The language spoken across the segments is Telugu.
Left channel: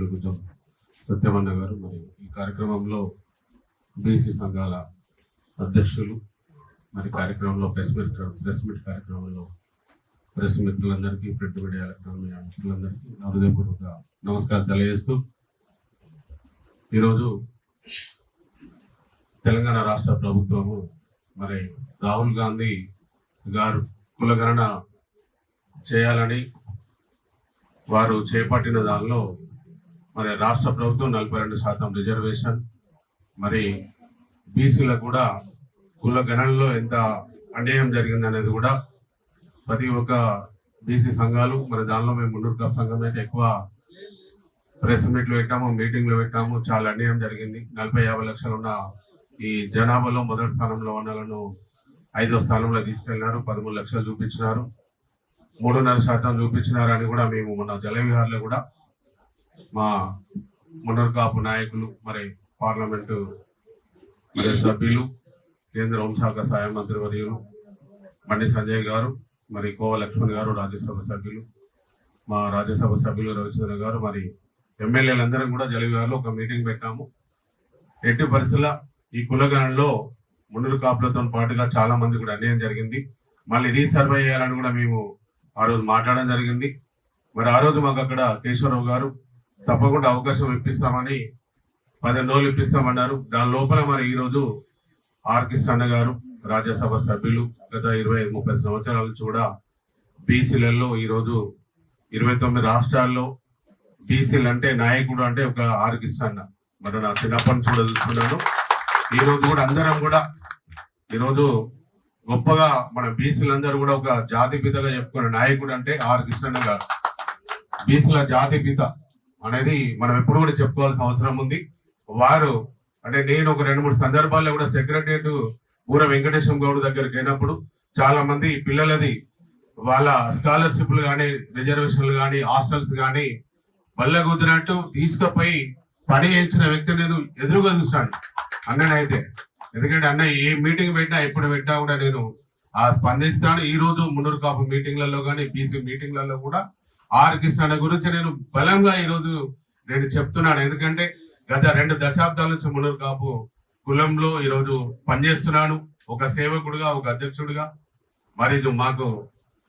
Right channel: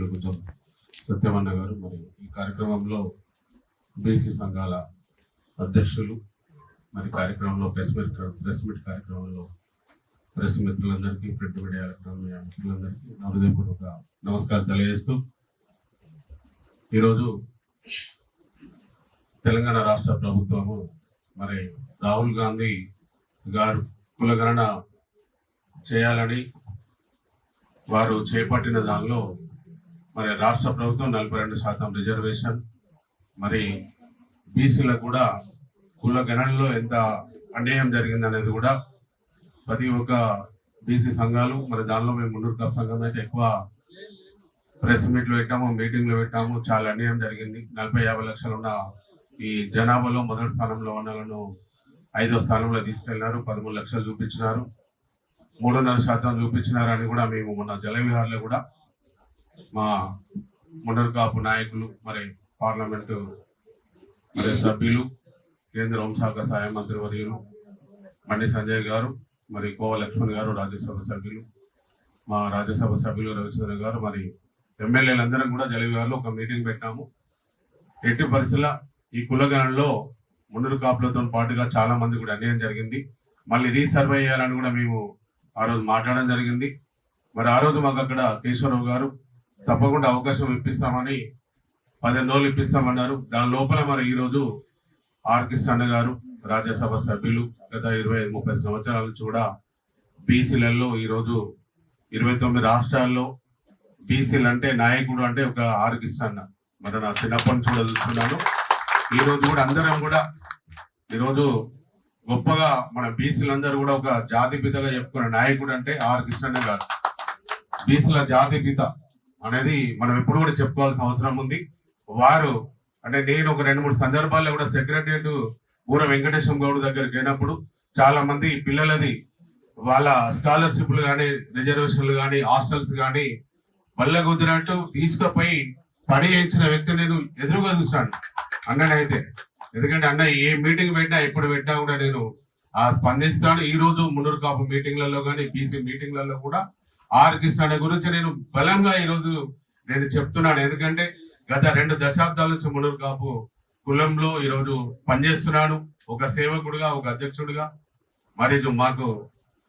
గౌరవనీయులు సత్యమన్న గారు, మరి ఈ కార్యక్రమంలో బీసీ సంఘాల అధ్యక్షులు, మరి కార్యక్రమంలో ప్రెస్ మీట్ కార్యక్రమంలో ప్రెస్ మిత్రులందరికీ, ప్రింట్ మీడియా మిత్రులందరికీ హృదయపూర్వక నమస్కారం తెలియజేస్తూ, ఈరోజు తెలంగాణ రాష్ట్ర ప్రభుత్వము మరి రాహుల్ గాంధీ గారు కులగణన చేయాలని వారు చేపట్టిన దానిలో మరి రాష్ట్ర ప్రభుత్వం 42% రిజర్వేషన్, మరి బీసీలకు కూడా కులగణనలో ఎంత అన్యాయం జరిగింది అనేది కూడా ప్రతి ఒక్క బీసీ సంఘాలు, మరి దానిలో మేము మున్నూరు కాపు సంఘం అయితే ఎక్కువ ప్రెస్ మీట్లు పెట్టాము, మీటింగ్లు పెట్టాము. చాలా అన్యాయం జరిగింది. 40-50 లక్షలు ఉన్న ఈ జనాభాలో మొదటి స్థానంలో ఉన్న వాళ్ళను 5వ స్థానంలో తీసుకెళ్లినారు. 13 లక్షలు చూపించినారు, 3.5% చూపించినారు అని కూడా మేము మొన్న జలవిహార్లో కూడా మా మున్నూరు కాపు నాయకులు, మరి పార్లమెంటు మరి సభ్యులు, కేంద్ర హోంశాఖ సహాయ మంత్రి వర్యులు బండి సంజయ్ గారు, మరి కోవ లక్ష్మణ్ గారు రాజ్యసభ సభ్యులు, మా రాజ్యసభ సభ్యులు రవిచంద్ర గారు, మరి ఎమ్మెల్యేలందరం కూడా జలవిహార్లో ఒక మీటింగ్ పెట్టాము. ఎట్టి పరిస్థితుల్లో ఈ కులగణనలో మున్నూరు కాపులతో పాటుగా చాలా మంది కూడా అన్యాయం జరిగింది. మళ్ళీ రీసర్వే చేయాలని కూడా మేము ఆ రోజు మాట్లాడడం జరిగింది. మరి ఆ రోజు మాకు అక్కడ కేశవరావు గారు తప్పకుండా అవకాశం ఇప్పిస్తామని 15 రోజులు ఇప్పిస్తామన్నారు. దాని లోపల మరి ఈరోజు ఆర్ కృష్ణ గారు రాజ్యసభ సభ్యులు గత 25-30 సంవత్సరాల నుంచి కూడా బీసీలలో ఈరోజు 29 రాష్ట్రాల్లో బీసీలు అంటే నాయకుడు అంటే ఒక ఆర్ కృష్ణ. మరి నా చిన్నప్పటి నుంచి కూడా చూస్తున్నాను. ఈరోజు కూడా అందరం కూడా ఈరోజు గొప్పగా మన బీసీలందరూ కూడా ఒక జాతిపితగా చెప్పుకున్న నాయకుడు అంటే ఆర్ కృష్ణ గారు. బీసీల జాతిపిత అనేది మనం ఎప్పుడు కూడా చెప్పుకోవాల్సిన అవసరం ఉంది. వారు అంటే నేను ఒక 2-3 సందర్భాల్లో కూడా సెక్రటరియట్ ఊర వెంకటేశ్వర గౌడ్ దగ్గరికి అయినప్పుడు చాలా మంది పిల్లలది వాళ్ళ స్కాలర్షిప్లు కానీ, రిజర్వేషన్లు కానీ, హాస్టల్స్ కానీ బల్ల కుదిరినట్టు తీసుకుపోయి పని చేయించిన వ్యక్తి నేను ఎదురుగా చూస్తాను అన్ననైతే. ఎందుకంటే అన్న ఏ మీటింగ్ పెట్టినా ఎప్పుడు పెట్టినా కూడా నేను స్పందిస్తాను. ఈ రోజు మున్నూరు కాపు మీటింగ్లలో కానీ, బీసీ మీటింగ్లలో కూడా ఆర్ కృష్ణ గురించి నేను బలంగా ఈరోజు నేను చెప్తున్నాను. ఎందుకంటే గత 2 దశాబ్దాల నుంచి మున్నూరు కాపు కులంలో ఈరోజు పనిచేస్తున్నాను, ఒక సేవకుడుగా, ఒక అధ్యక్షుడిగా. మరి మాకు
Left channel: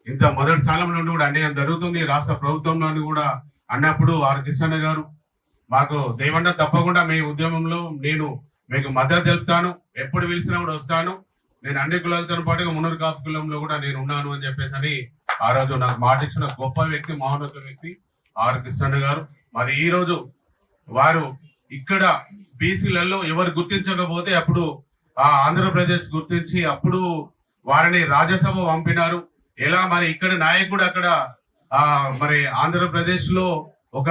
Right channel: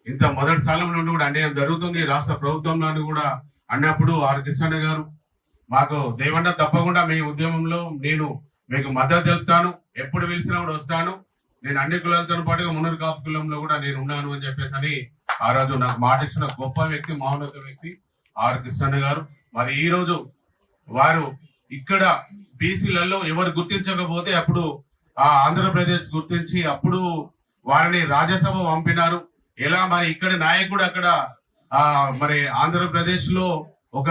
ఇంత మొదటి స్థానం నుండి కూడా అన్యాయం జరుగుతుంది రాష్ట్ర ప్రభుత్వంలో కూడా అన్నప్పుడు ఆర్ కృష్ణ గారు మాకు దేవన్న తప్పకుండా మీ ఉద్యమంలో నేను మీకు మద్దతు తెలుపుతాను, ఎప్పుడు పిలిచినా కూడా వస్తాను, నేను అన్ని కులాలతో పాటుగా మున్నూరు కాపు కులంలో కూడా నేను ఉన్నాను అని చెప్పేసి అని ఆ రోజు నాకు మాట ఇచ్చిన గొప్ప వ్యక్తి, మహోన్నత వ్యక్తి ఆర్ కృష్ణ గారు. మరి ఈ రోజు వారు ఇక్కడ బీసీలలో ఎవరు గుర్తించకపోతే అప్పుడు ఆంధ్రప్రదేశ్ గుర్తించి అప్పుడు వారిని రాజ్యసభ పంపినారు. ఎలా మరి ఇక్కడ నాయకుడు అక్కడ మరి ఆంధ్రప్రదేశ్ లో ఒక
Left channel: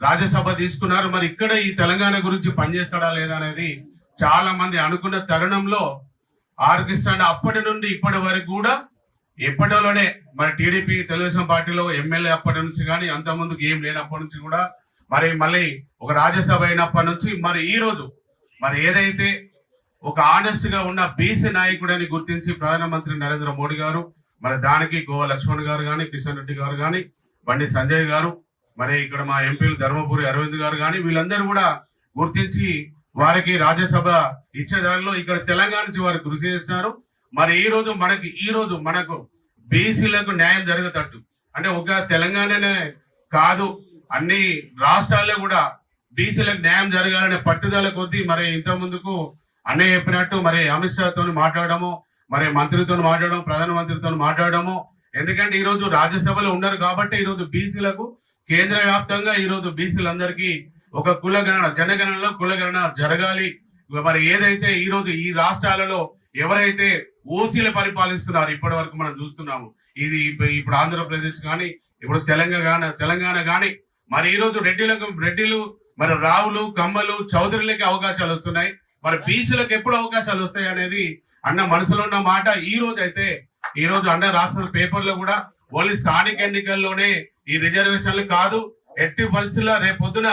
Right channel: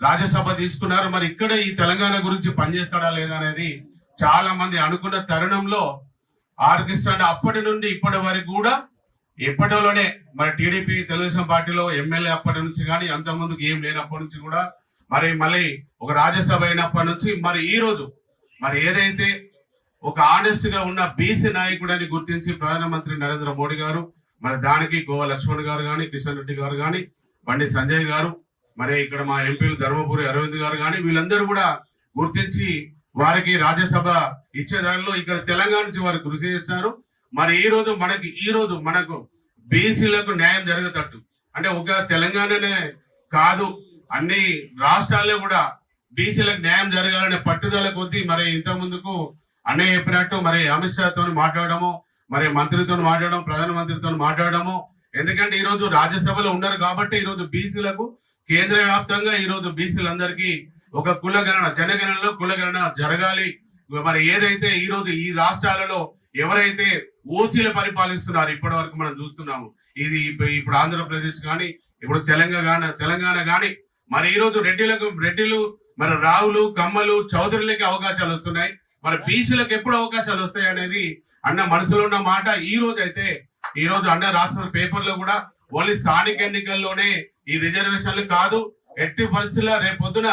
రాజ్యసభ తీసుకున్నారు. మరి ఇక్కడ ఈ తెలంగాణ గురించి పనిచేస్తాడా లేదా అనేది చాలా మంది అనుకున్న తరుణంలో ఆర్ కృష్ణ అప్పటి నుండి ఇప్పటి వరకు కూడా ఎప్పటిలోనే మరి టీడీపీ తెలుగుదేశం పార్టీలో ఎమ్మెల్యే అప్పటి నుంచి కానీ, అంత ముందుకు ఏం లేనప్పటి నుంచి కూడా, మరి మళ్ళీ ఒక రాజ్యసభ అయినప్పటి నుంచి మరి ఈ రోజు మరి ఏదైతే ఒక ఆనెస్ట్ గా ఉన్న బీసీ నాయకుడని గుర్తించి ప్రధానమంత్రి నరేంద్ర మోడీ గారు, మరి దానికి గోవా లక్ష్మణ్ గారు కానీ, కిషన్ రెడ్డి గారు కానీ, బండి సంజయ్ గారు, మరి ఇక్కడ మా ఎంపీలు ధర్మపురి అరవింద్ గారు కానీ, వీళ్ళందరూ కూడా గుర్తించి వారికి రాజ్యసభ ఇచ్చేదానిలో ఇక్కడ తెలంగాణ నుంచి వారు కృషి చేస్తున్నారు. మరి ఈ రోజు మనకు బీసీలకు న్యాయం జరగతట్టు అంటే ఒక తెలంగాణనే కాదు, అన్ని రాష్ట్రాల్లో కూడా బీసీలకు న్యాయం జరగాలనే పట్టుదల కొద్దీ మరి ఇంత ముందుకు అన్నయ్య చెప్పినట్టు మరి అమిత్ షాతో మాట్లాడము, మరి మంత్రితో మాట్లాడడం, ప్రధానమంత్రితో మాట్లాడము. ఎందుకంటే ఈ రోజు రాజ్యసభలో ఉన్నారు కాబట్టి ఈ రోజు బీసీలకు కేంద్ర వ్యాప్తంగా ఈ రోజు బీసీలందరికీ ఒక కులగణన, జనగణనలో కులగణన జరగాలి. మరి ఏదైతే ఈ రోజు ఈ రాష్ట్రాలలో ఎవరైతే ఓసీలు పరిపాలిస్తున్నారు ఇప్పటి వరకు మనం చూస్తున్నాము, ఇది ఇప్పుడు ఆంధ్రప్రదేశ్ కానీ, ఇప్పుడు తెలంగాణ కానీ, మరి ఈ రోజు రెడ్డిలు మరి రావులు, కమ్మలు, చౌదరులకి అవకాశాలు వస్తున్నాయి. మరి బీసీలకు ఎప్పుడు అవకాశాలు వస్తాయి అనేది అన్న మనసులో ఉన్న మాట. ఈ రోజు అన్న రాష్ట్ర పేపర్లో కూడా ఓన్లీ స్థానిక ఎన్నికల్లోనే ఈ రిజర్వేషన్లు కాదు, ఎట్టి పరిస్థితుల్లో రేపొద్దున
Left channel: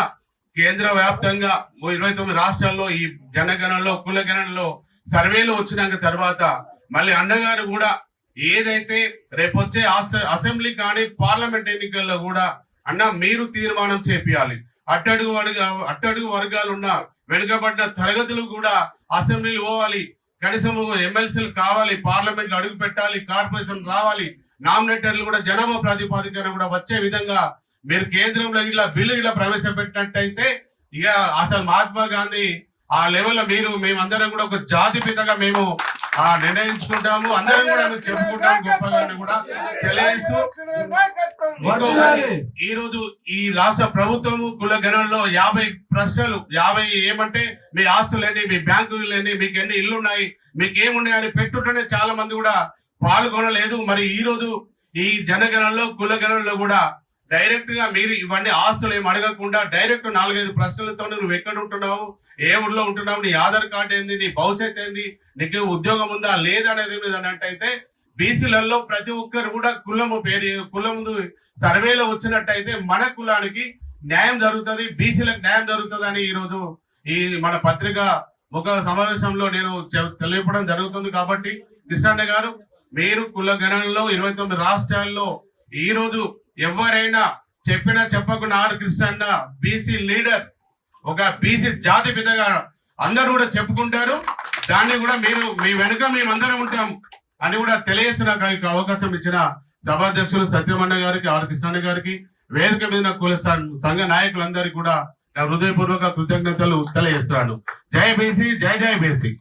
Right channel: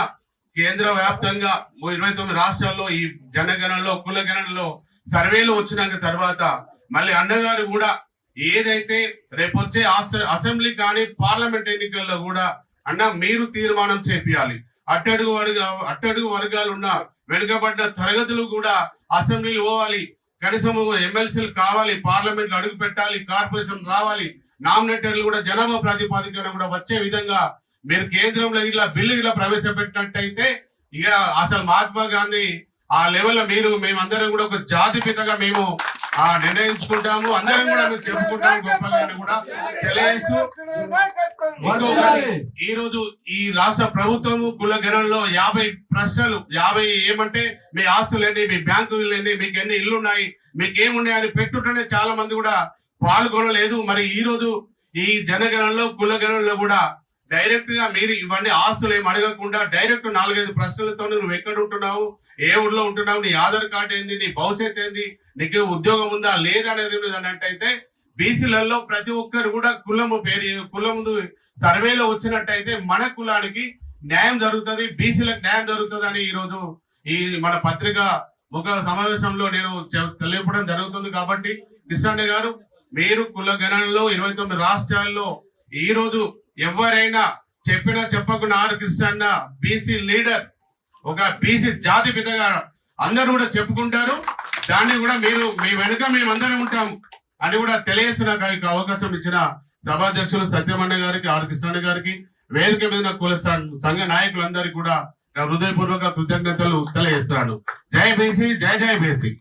కేంద్ర వ్యాప్తంగా 29 రాష్ట్రాల్లో ఈ జనగణనలో కులగణనలో సర్వేలు వచ్చినాక తర్వాత మళ్ళీ అన్నగారు కూడా ఏదైతే రేపొచ్చే అసెంబ్లీ కానీ పార్లమెంట్ ఎన్నికల్లో కూడా అన్న మీరు తీర్మానం చేపియాలి. అట్టడుగు వర్గాలు ఉన్న వెనుకబడ్డ తరగతులు కూడా అసెంబ్లీలు పోవాలి, కనీసం ఎమ్మెల్సీలు కావాలి, పార్లమెంట్ అడుగు పెట్టాలి, కార్పొరేషన్ రావాలి, నామినేటర్లు కూడా జనాభా ప్రాతిపదికన కూడా వచ్చే విధంగా మీరు కేంద్రంలో ఇట్లా బిల్లు ఇట్లా ప్రవేశపెట్టినట్టయితే ఇక అసలు మహాత్మా గాంధీ ఆ లెవెల్ మేమందరం కూడా ఒక జాతిపితగా మేము నిర్ణయించుకుంటాము, అందరం కూడా మేము చెప్పుకుంటాము గొప్పగా కూడా తెలియజేస్తూ, ఈ రోజు ఈ రాష్ట్ర ప్రభుత్వము కుల గణనలో 50 ప్రశ్నలు 50 ఏమంటే మీ ఆస్తులేండి, మీ బ్యాంకులు ఏంటి, మీకు ఎన్ని ఇల్లు ఉన్నాయి, మీకు ఏమున్నాయని పెట్టుటనే చాలా మంది కూడా పాల్గొనలేదు. మరి ఈ రోజు ఈ జనగణనలో కుల గణనలో కూడా డైరెక్ట్ గా మీరు ఇవన్నీ ఆస్తులు ఏమి అడగకుండా డైరెక్ట్ 4-5 ప్రశ్నలతో నువ్వు ఎక్కడ ఉంటున్నావు, ఏ ఊర్లో ఉంటున్నావు, నీ ఆధార్ కార్డు ఏంది, నీ భవిష్యత్ ఏంది, నీకు ఉద్యోగం ఉందా లేదా అనేది అన్నట్టయితే బీసీలలో ప్రతి ఒక్కరు కూడా కులము సర్వేలో వచ్చినట్టయితే మన కులానికి న్యాయం జరుగుతుంది, బీసీలకు న్యాయం జరుగుతుంది అని ఈ రోజు ఈ మన పత్రిక ఒక సమావేశంలో నేను తెలియపడం జరుగుతుంది. కాబట్టి కృష్ణన్న గారు, మీరు కుల గణనలో 29 రాష్ట్రాల్లో ఈ రోజు ఎవరైనా చెప్పినా చెప్పకుండా ఆర్ కృష్ణన్న బీసీ లీడర్, ఒక బీసీ జాతి పితగా అందరూ కూడా చెప్పుకుంటారు. దాన్ని కూడా మీరు మీ వెనుక మేమందరం ఉంటాం అని కూడా తెలియజేస్తున్న అవకాశం ఇచ్చిన సభాధ్యక్షులు సత్యమన్న గారికి, ఆర్ కృష్ణన్న గారికి, వేదిక మీద కుల సంఘ నాయకులందరికీ కూడా హృదయపూర్వక కృతజ్ఞతలు తెలియజేస్తున్నాను. జై బీసీ, జై జై బీసీ.